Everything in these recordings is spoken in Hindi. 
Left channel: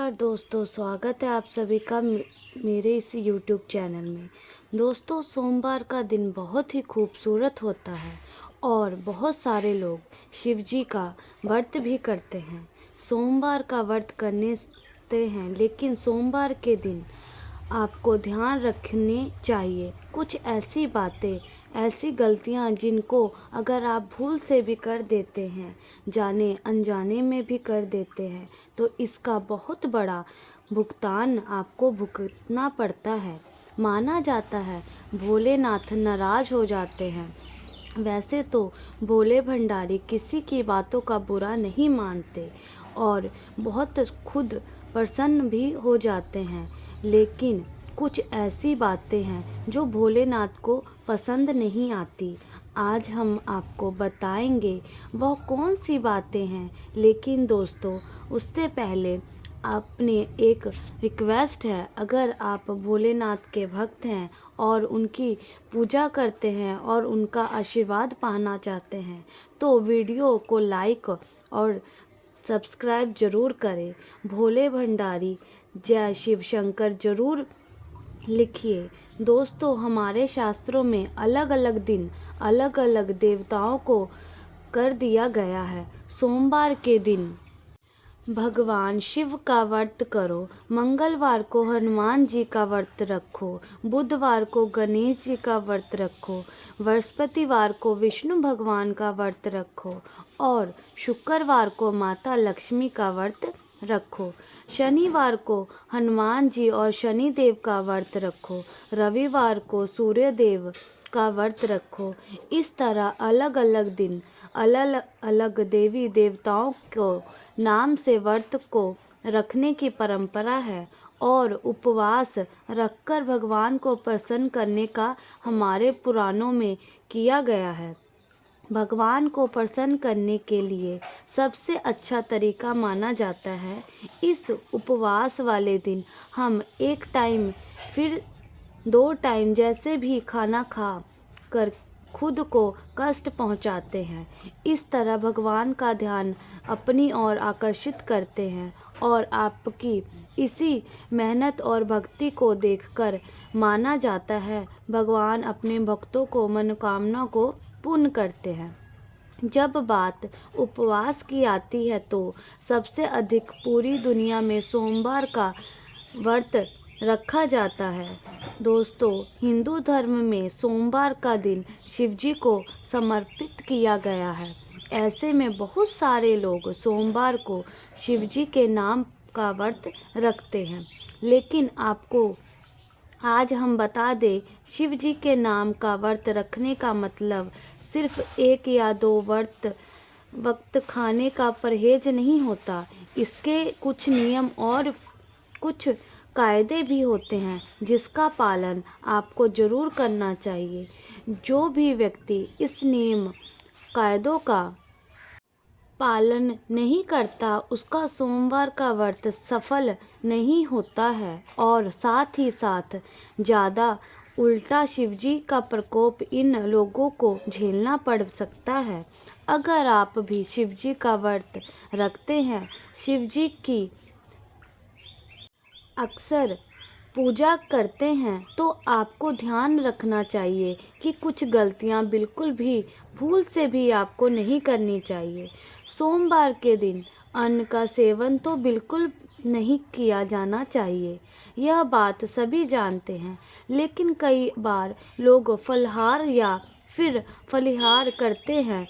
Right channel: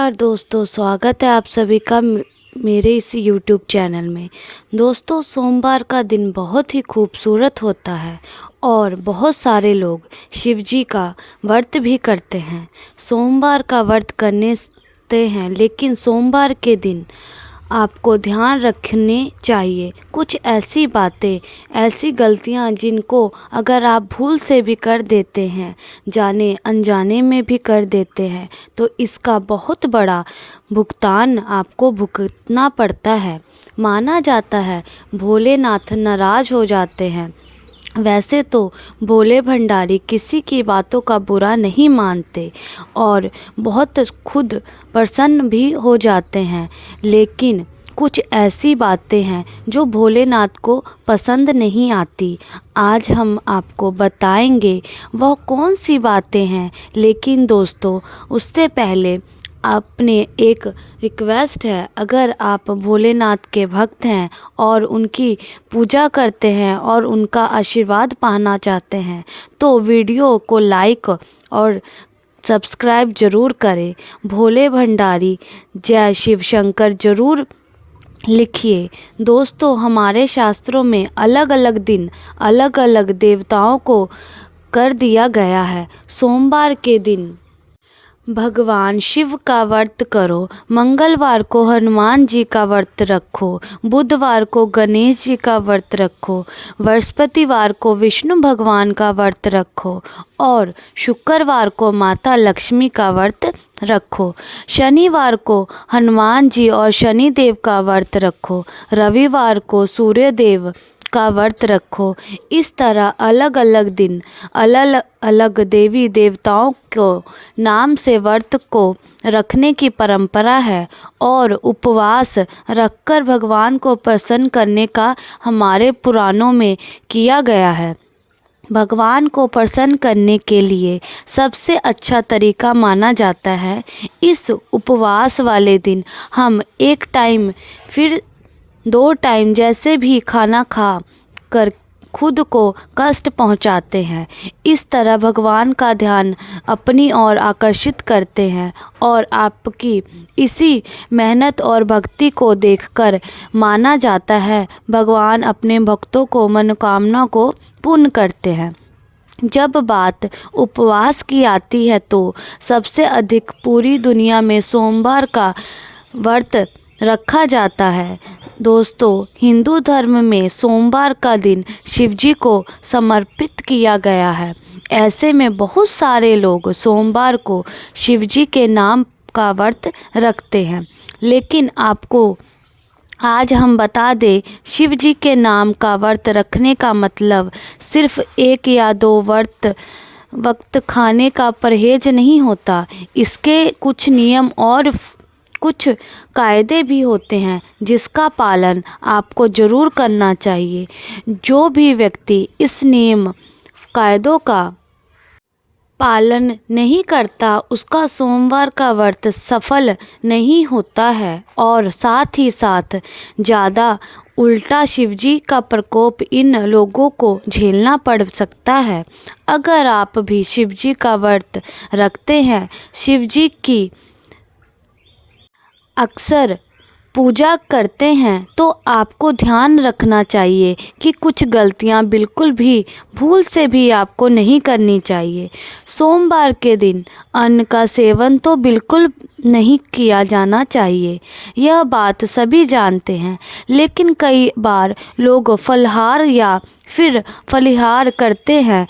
नमस्कार दोस्तों, स्वागत है आप सभी का मेरे इस YouTube चैनल में। दोस्तों, सोमवार का दिन बहुत ही खूबसूरत होता है और बहुत सारे लोग शिव जी का व्रत भी करते हैं। सोमवार का व्रत करते हैं, लेकिन सोमवार के दिन आपको ध्यान रखने चाहिए कुछ ऐसी बातें, ऐसी गलतियां जिनको अगर आप भूल से भी कर देते हैं, जाने अनजाने में भी कर देते हैं, तो इसका बहुत बड़ा भुगतान आपको भुगतना पड़ता है। माना जाता है भोलेनाथ नाराज़ हो जाते हैं। वैसे तो भोले भंडारी किसी की बातों का बुरा नहीं मानते और बहुत खुद प्रसन्न भी हो जाते हैं, लेकिन कुछ ऐसी बातें हैं जो भोलेनाथ को पसंद नहीं आती। आज हम आपको बताएंगे वह कौन सी बातें हैं। लेकिन दोस्तों, उससे पहले आपने एक रिक्वेस्ट है, अगर आप भोलेनाथ के भक्त हैं और उनकी पूजा करते हैं और उनका आशीर्वाद पाना चाहते हैं, तो वीडियो को लाइक और सब्सक्राइब ज़रूर करें। भोले भंडारी जय शिव शंकर ज़रूर लिखिए। दोस्तों, हमारे शास्त्रों में अलग अलग दिन अलग अलग देवताओं को कर दिया गया है। सोमवार के दिन भगवान शिव का व्रत करो, मंगलवार को हनुमान जी का व्रत रखो, बुधवार को गणेश जी का व्रत रखो, बृहस्पतिवार को विष्णु भगवान का व्रत रखो और शुक्रवार को माता लक्ष्मी का व्रत रखो। शनिवार को हनुमान जी और शनिदेव का व्रत रखो। रविवार को सूर्य देव का व्रत रखो। इस तरह अलग अलग दिन अलग अलग देवी देवताओं को नाम से व्रत को रखने की परंपरा है और उपवास रखकर भगवान को प्रसन्न करने का हमारे पुराणों में किया गया है। भगवान को प्रसन्न करने के लिए सबसे अच्छा तरीका माना जाता है, इस उपवास वाले दिन हम एक टाइम फिर 2 टाइम जैसे भी खाना खा कर खुद को कष्ट पहुंचाते हैं। इस तरह भगवान का ध्यान अपनी ओर आकर्षित करते हैं और आपकी इसी मेहनत और भक्ति को देखकर माना जाता है भगवान अपने भक्तों को मनोकामना को पूर्ण करते हैं। जब बात उपवास की आती है तो सबसे अधिक पूरी दुनिया में सोमवार का व्रत रखा जाता है। दोस्तों, हिंदू धर्म में सोमवार का दिन शिवजी को समर्पित किया गया है। ऐसे में बहुत सारे लोग सोमवार को शिवजी के नाम का व्रत रखते हैं। लेकिन आपको आज हम बता दें, शिव जी के नाम का व्रत रखने का मतलब सिर्फ 1 या 2 वक्त खाने का परहेज नहीं होता। इसके कुछ नियम और कुछ कायदे भी होते हैं जिसका पालन आपको ज़रूर करना चाहिए। जो भी व्यक्ति इस नियम कायदों का पालन नहीं करता, उसका सोमवार का व्रत सफल नहीं होता है और साथ ही साथ ज़्यादा उल्टा शिवजी का प्रकोप इन लोगों को झेलना पड़ सकता है। अगर आप भी शिवजी का व्रत रखते हैं, शिवजी की अक्सर पूजा करते हैं, तो आपको ध्यान रखना चाहिए कि कुछ गलतियां बिल्कुल भी भूल से भी आपको नहीं करनी चाहिए। सोमवार के दिन अन्न का सेवन तो बिल्कुल नहीं किया जाना चाहिए, यह बात सभी जानते हैं। लेकिन कई बार लोग फलाहार या फिर फलिहार करते हैं,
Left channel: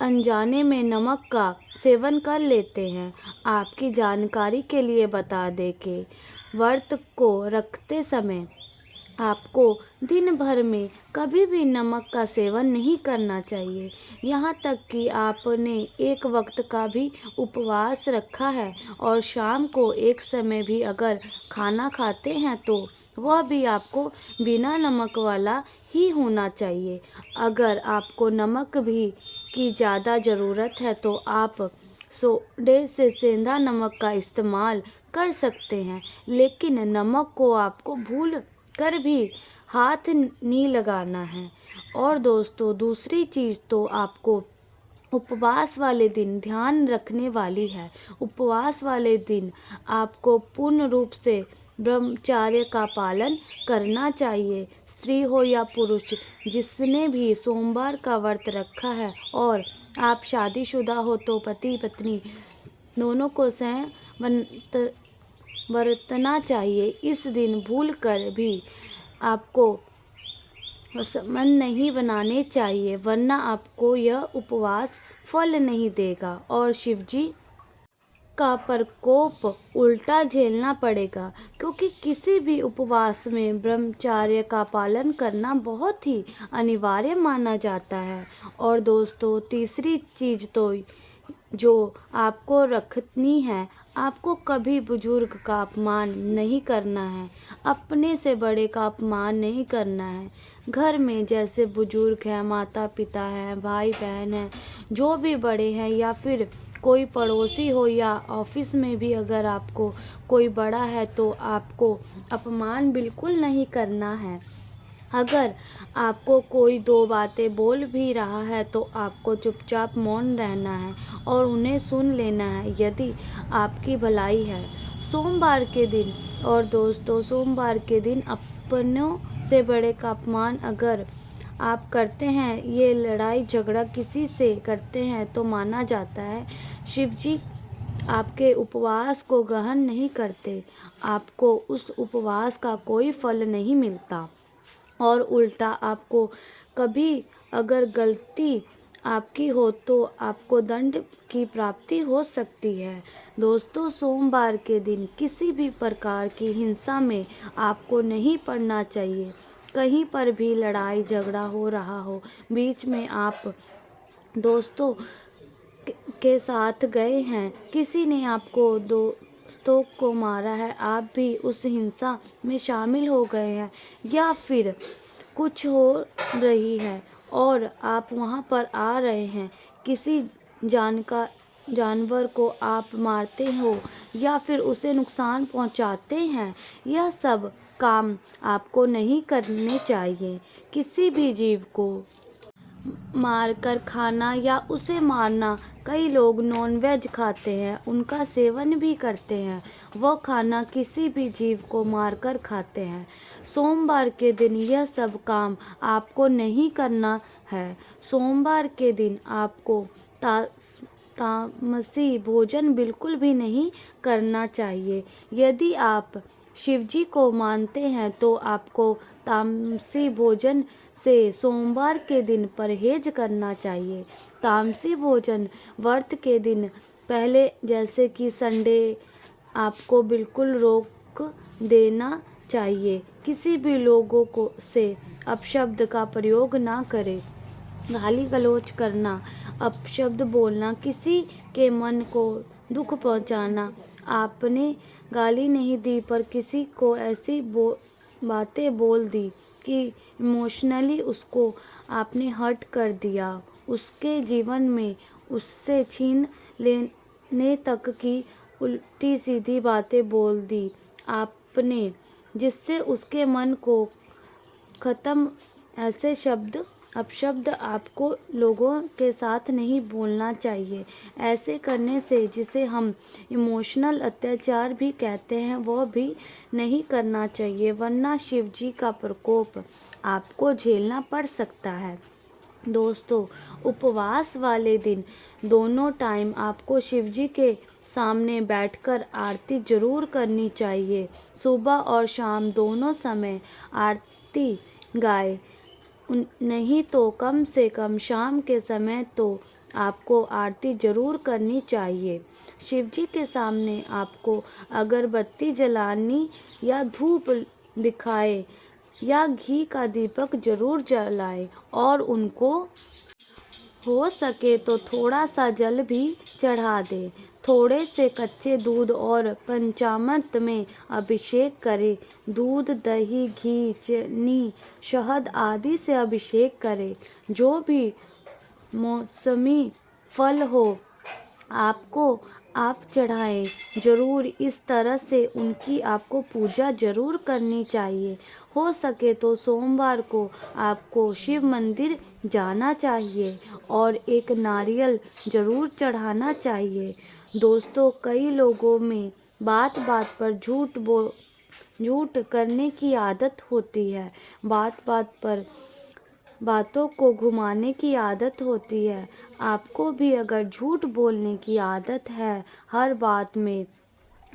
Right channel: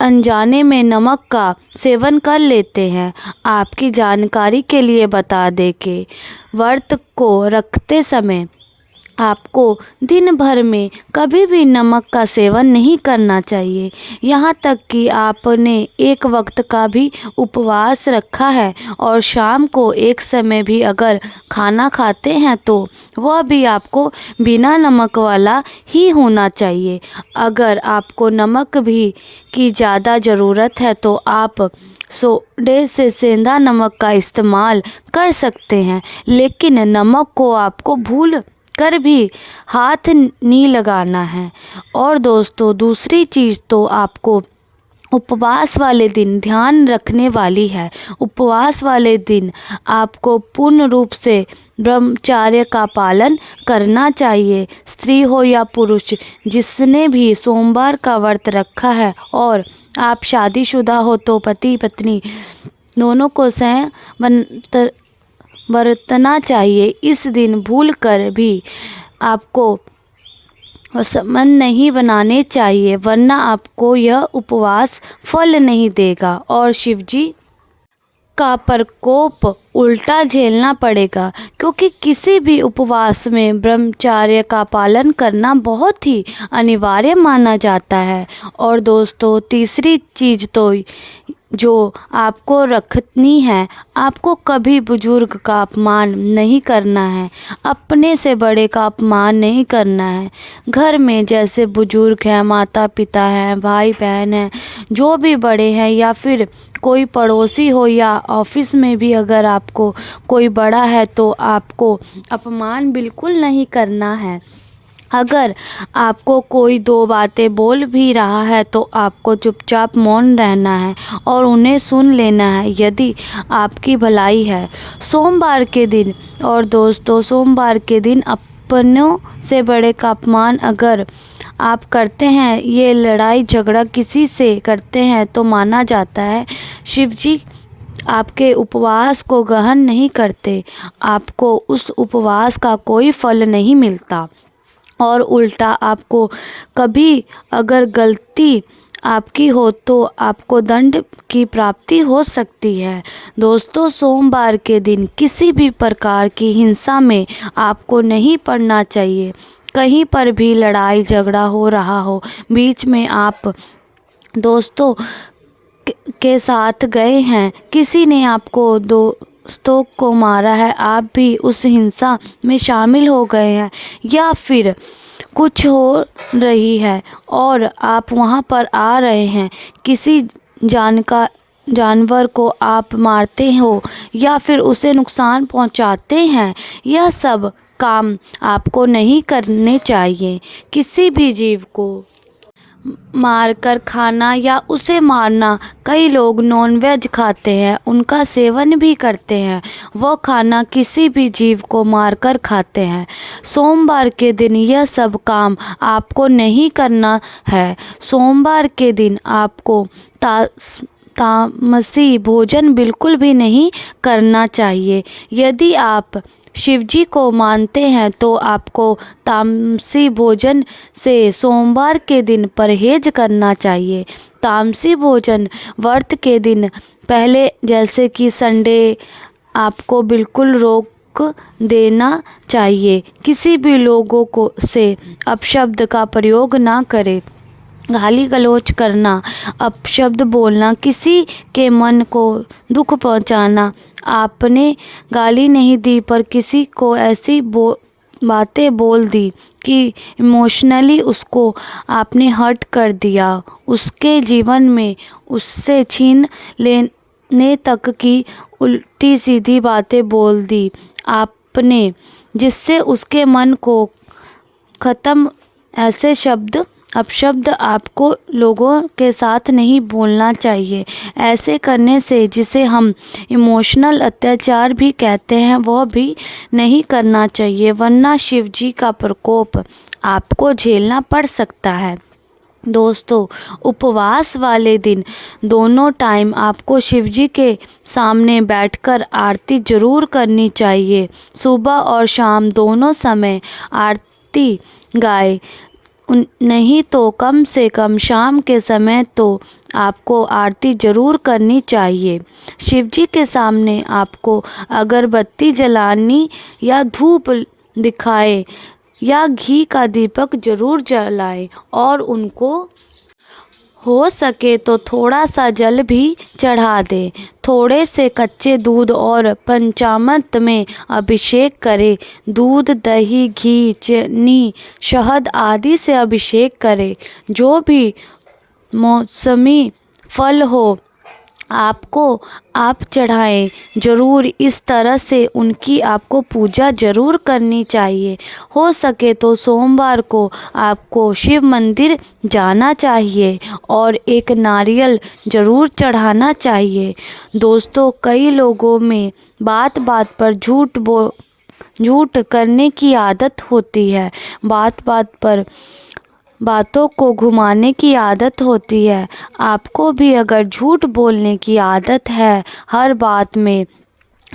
अनजाने में नमक का सेवन कर लेते हैं। आपकी जानकारी के लिए बता दें कि व्रत को रखते समय आपको दिन भर में कभी भी नमक का सेवन नहीं करना चाहिए। यहाँ तक कि आपने एक वक्त का भी उपवास रखा है और शाम को एक समय भी अगर खाना खाते हैं, तो वह भी आपको बिना नमक वाला ही होना चाहिए। अगर आपको नमक भी की ज़्यादा ज़रूरत है तो आप सोडे से सेंधा नमक का इस्तेमाल कर सकते हैं, लेकिन नमक को आपको भूल कर भी हाथ नहीं लगाना है। और दोस्तों, दूसरी चीज़ तो आपको उपवास वाले दिन ध्यान रखने वाली है। उपवास वाले दिन आपको पूर्ण रूप से ब्रह्मचर्य का पालन करना चाहिए। स्त्री हो या पुरुष, जिसने भी सोमवार का व्रत रखा है और आप शादीशुदा हो तो पति पत्नी दोनों को बरतना चाहिए। इस दिन भूल कर भी आपको संबंध नहीं बनाने चाहिए, वरना आपको यह उपवास फल नहीं देगा और शिवजी का प्रकोप उल्टा झेलना पड़ेगा। क्योंकि किसी भी उपवास में ब्रह्मचर्य का पालन करना बहुत ही अनिवार्य माना जाता है। और दोस्तों, तीसरी चीज़ तो जो आपको रखनी है, आपको कभी बुजुर्ग का अपमान नहीं करना है, अपने से बड़े का अपमान नहीं करना है। घर में जैसे बुजुर्ग हैं, माता पिता हैं, भाई बहन हैं, जो भी बड़े हैं, या फिर कोई पड़ोसी हो, या ऑफिस में भी अगर आपको कोई बड़ा है तो आपको अपमान बिल्कुल नहीं करना है। अगर आपको कोई दो बातें बोल भी रहा है तो आपको चुपचाप मौन रहना है और उन्हें सुन लेना है, यदि आपकी भलाई है। सोमवार के दिन, और दोस्तों, सोमवार के दिन अपनों से बड़े का अपमान अगर आप करते हैं, ये लड़ाई झगड़ा किसी से करते हैं, तो माना जाता है शिवजी आपके उपवास को ग्रहण नहीं करते, आपको उस उपवास का कोई फल नहीं मिलता। और उल्टा आपको कभी अगर गलती आपकी हो तो आपको दंड की प्राप्ति हो सकती है। दोस्तों, सोमवार के दिन किसी भी प्रकार की हिंसा में आपको नहीं पड़ना चाहिए। कहीं पर भी लड़ाई झगड़ा हो रहा हो, बीच में आप दोस्तों के साथ गए हैं, किसी ने आपको दोस्तों को मारा है, आप भी उस हिंसा में शामिल हो गए हैं, या फिर कुछ हो रही है और आप वहां पर आ रहे हैं, किसी जानवर को आप मारते हो या फिर उसे नुकसान पहुंचाते हैं, यह सब काम आपको नहीं करने चाहिए। किसी भी जीव को मारकर खाना या उसे मारना, कई लोग नॉनवेज खाते हैं, उनका सेवन भी करते हैं, वह खाना किसी भी जीव को मारकर खाते हैं। सोमवार के दिन यह सब काम आपको नहीं करना है। सोमवार के दिन आपको तामसी भोजन बिल्कुल भी नहीं करना चाहिए। यदि आप शिवजी को मानते हैं तो आपको तामसी भोजन से सोमवार के दिन परहेज करना चाहिए। तामसी भोजन व्रत के दिन पहले, जैसे कि संडे, आपको बिल्कुल रोक देना चाहिए। किसी भी लोगों को से अपशब्द का प्रयोग ना करें। गाली गलौज करना, अपशब्द बोलना, किसी के मन को दुख पहुंचाना, आपने गाली नहीं दी पर किसी को ऐसी बातें बोल दी कि इमोशनली उसको आपने हर्ट कर दिया, उसके जीवन में उससे छीन लेने तक की उल्टी सीधी बातें बोल दी आपने, जिससे उसके मन को ख़त्म, ऐसे अपशब्द आपको लोगों के साथ नहीं बोलना चाहिए। ऐसे करने से, जिसे हम इमोशनल अत्याचार भी कहते हैं, वह भी नहीं करना चाहिए, वरना शिवजी का प्रकोप आपको झेलना पड़ सकता है। दोस्तों, उपवास वाले दिन दोनों टाइम आपको शिवजी के सामने बैठकर आरती जरूर करनी चाहिए। सुबह और शाम दोनों समय आरती गाए, नहीं तो कम से कम शाम के समय तो आपको आरती जरूर करनी चाहिए। शिवजी के सामने आपको अगरबत्ती जलानी या धूप दिखाए या घी का दीपक जरूर जलाएं, और उनको हो सके तो थोड़ा सा जल भी चढ़ा दें। थोड़े से कच्चे दूध और पंचामृत में अभिषेक करें। दूध, दही, घी, चीनी, शहद आदि से अभिषेक करें। जो भी मौसमी फल हो आपको आप चढ़ाएं ज़रूर। इस तरह से उनकी आपको पूजा ज़रूर करनी चाहिए। हो सके तो सोमवार को आपको शिव मंदिर जाना चाहिए और एक नारियल ज़रूर चढ़ाना चाहिए। दोस्तों, कई लोगों में बात बात पर झूठ करने की आदत होती है। बात बात पर बातों को घुमाने की आदत होती है। आपको भी अगर झूठ बोलने की आदत है, हर बात में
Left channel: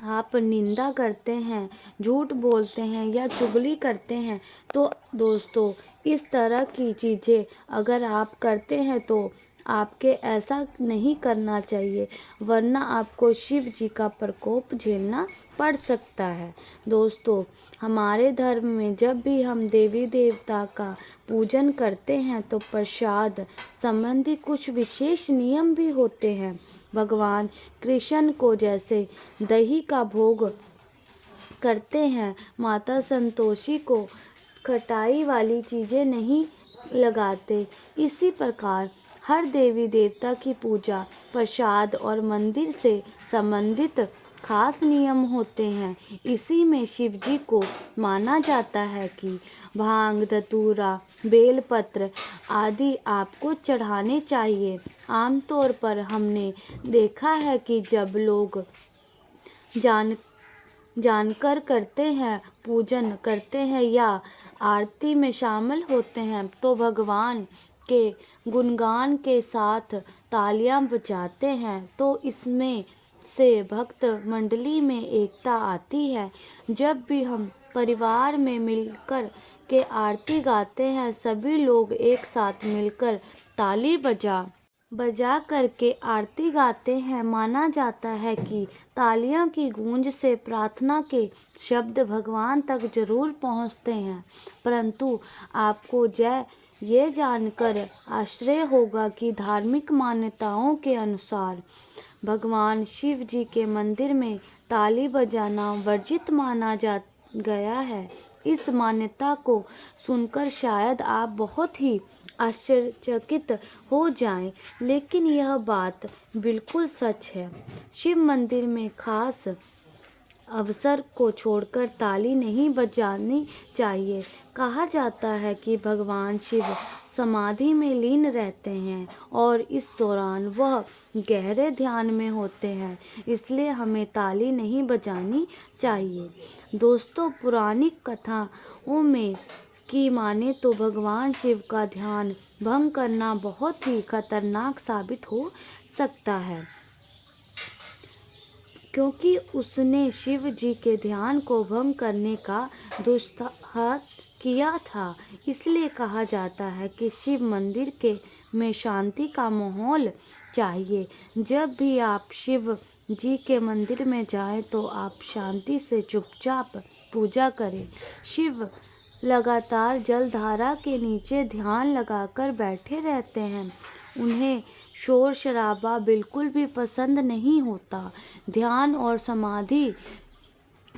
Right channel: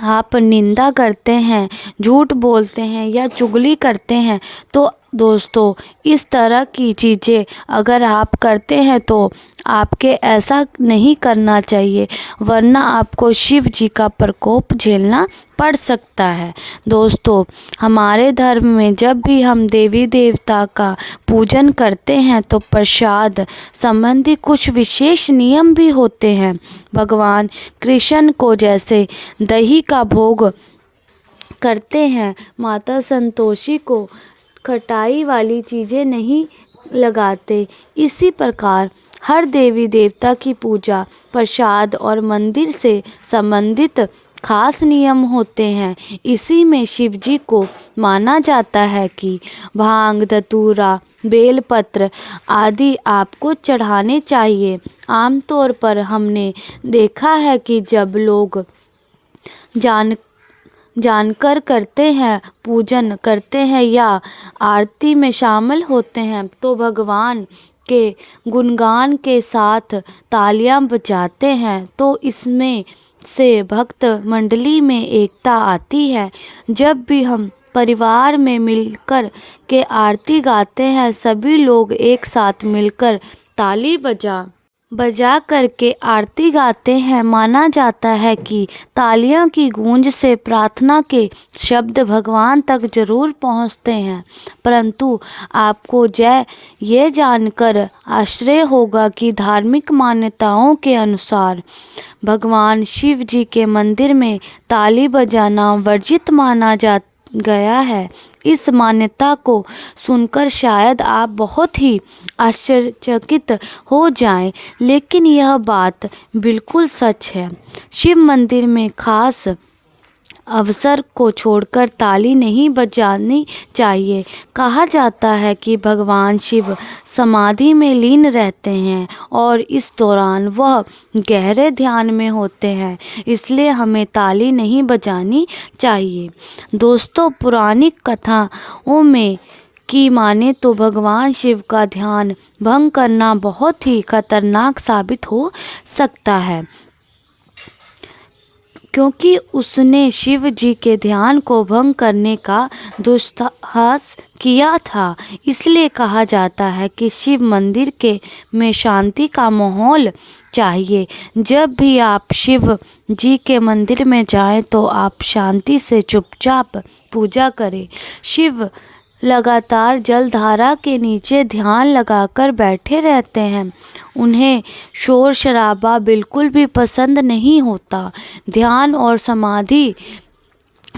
आप निंदा करते हैं, झूठ बोलते हैं या चुगली करते हैं, तो दोस्तों इस तरह की चीज़ें अगर आप करते हैं तो आपके ऐसा नहीं करना चाहिए, वरना आपको शिव जी का प्रकोप झेलना पड़ सकता है। दोस्तों, हमारे धर्म में जब भी हम देवी देवता का पूजन करते हैं तो प्रसाद संबंधी कुछ विशेष नियम भी होते हैं। भगवान कृष्ण को जैसे दही का भोग करते हैं, माता संतोषी को खटाई वाली चीज़ें नहीं लगाते, इसी प्रकार हर देवी देवता की पूजा, प्रसाद और मंदिर से संबंधित खास नियम होते हैं। इसी में शिव जी को माना जाता है कि भांग, धतूरा, बेलपत्र आदि आपको चढ़ाने चाहिए। आमतौर पर हमने देखा है कि जब लोग जानकर करते हैं, पूजन करते हैं या आरती में शामिल होते हैं, तो भगवान के गुणगान के साथ तालियां बजाते हैं, तो इसमें से भक्त मंडली में एकता आती है। जब भी हम परिवार में मिलकर के आरती गाते हैं, सभी लोग एक साथ मिलकर ताली बजा करके आरती गाते हैं। माना जाता है कि तालियों की गूंज से प्रार्थना के शब्द भगवान तक जरूर पहुंचते हैं। परंतु आपको ये जानकर आश्चर्य होगा कि धार्मिक मान्यताओं के अनुसार भगवान शिव जी के मंदिर में ताली बजाना वर्जित माना गया है। इस मान्यता को सुनकर शायद आप बहुत ही आश्चर्यचकित हो जाएं, लेकिन यह बात बिल्कुल सच है। शिव मंदिर में खास अवसर को छोड़कर ताली नहीं बजानी चाहिए। कहा जाता है कि भगवान शिव समाधि में लीन रहते हैं और इस दौरान वह गहरे ध्यान में होते हैं, इसलिए हमें ताली नहीं बजानी चाहिए। दोस्तों, पौराणिक कथाओं में की माने तो भगवान शिव का ध्यान भंग करना बहुत ही खतरनाक साबित हो सकता है, क्योंकि उसने शिव जी के ध्यान को भंग करने का दुस्साहस किया था। इसलिए कहा जाता है कि शिव मंदिर में शांति का माहौल चाहिए। जब भी आप शिव जी के मंदिर में जाएं तो आप शांति से चुपचाप पूजा करें। शिव लगातार जलधारा के नीचे ध्यान लगाकर बैठे रहते हैं। उन्हें शोर शराबा बिल्कुल भी पसंद नहीं होता। ध्यान और समाधि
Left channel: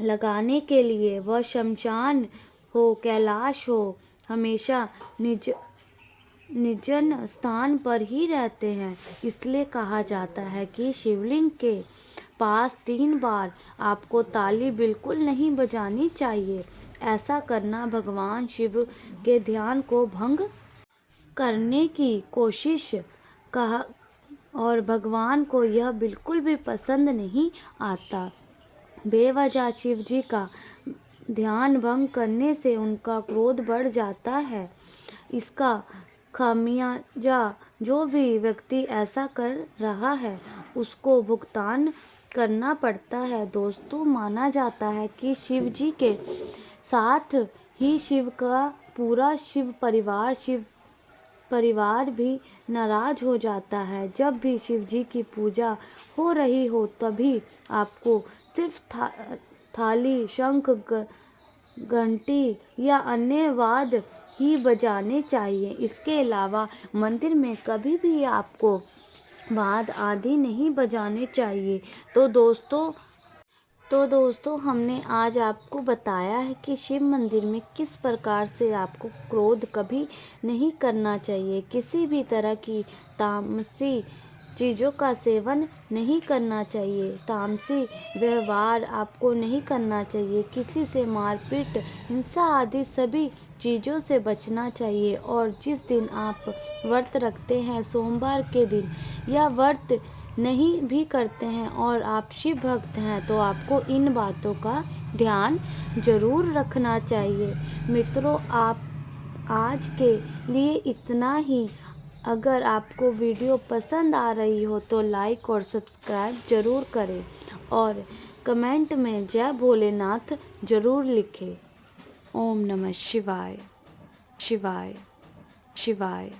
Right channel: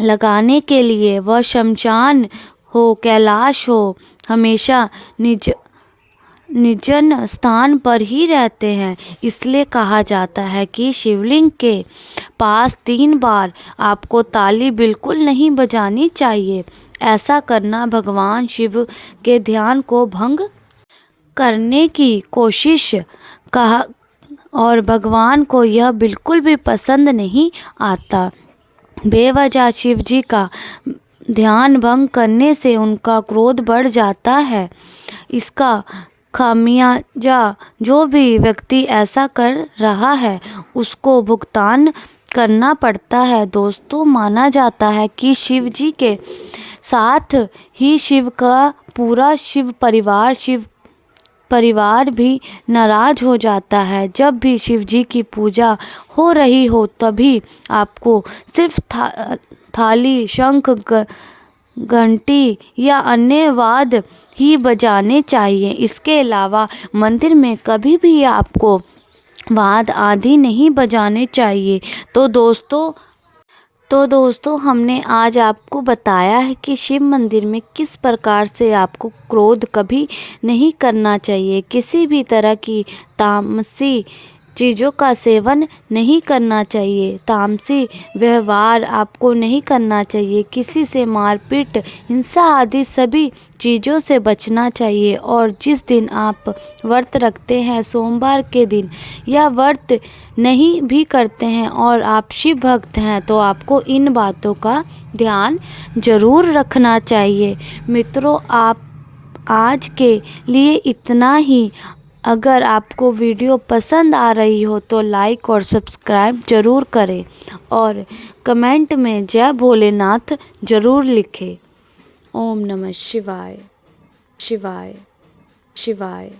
लगाने के लिए वह शमशान हो, कैलाश हो, हमेशा निर्जन स्थान पर ही रहते हैं। इसलिए कहा जाता है कि शिवलिंग के पास 3 बार आपको ताली बिल्कुल नहीं बजानी चाहिए। ऐसा करना भगवान शिव के ध्यान को भंग करने की कोशिश कहा और भगवान को यह बिल्कुल भी पसंद नहीं आता। बेवजह शिव जी का ध्यान भंग करने से उनका क्रोध बढ़ जाता है। इसका खामियाजा जो भी व्यक्ति ऐसा कर रहा है उसको भुगतान करना पड़ता है। दोस्तों, माना जाता है कि शिव जी के साथ ही शिव का पूरा शिव परिवार भी नाराज हो जाता है। जब भी शिव जी की पूजा हो रही हो तभी आपको सिर्फ थाली, शंख, घंटी या अन्य वाद्य ही बजाने चाहिए। इसके अलावा मंदिर में कभी भी आपको वाद्य आदि नहीं बजाने चाहिए। तो दोस्तों हमने आज आपको बताया है कि शिव मंदिर में किस प्रकार से आपको क्रोध कभी नहीं करना चाहिए। किसी भी तरह की तामसी चीज़ों का सेवन नहीं करना चाहिए, तामसी व्यवहार आपको नहीं करना चाहिए, किसी से मारपीट, हिंसा आदि सभी चीज़ों से बचना चाहिए। और जिस दिन आप व्रत रखते हैं, सोमवार के दिन, या व्रत नहीं भी करते हैं और आप शिव भक्त हैं, तो आपको इन बातों का ध्यान जरूर रखना चाहिए। मित्रों, आप आज के लिए इतना ही। अगर आपको वीडियो पसंद आ रही हो तो लाइक और सब्सक्राइब जरूर करें और कमेंट में जय भोलेनाथ जरूर लिखें। ओम नमः शिवाय शिवाय शिवाय।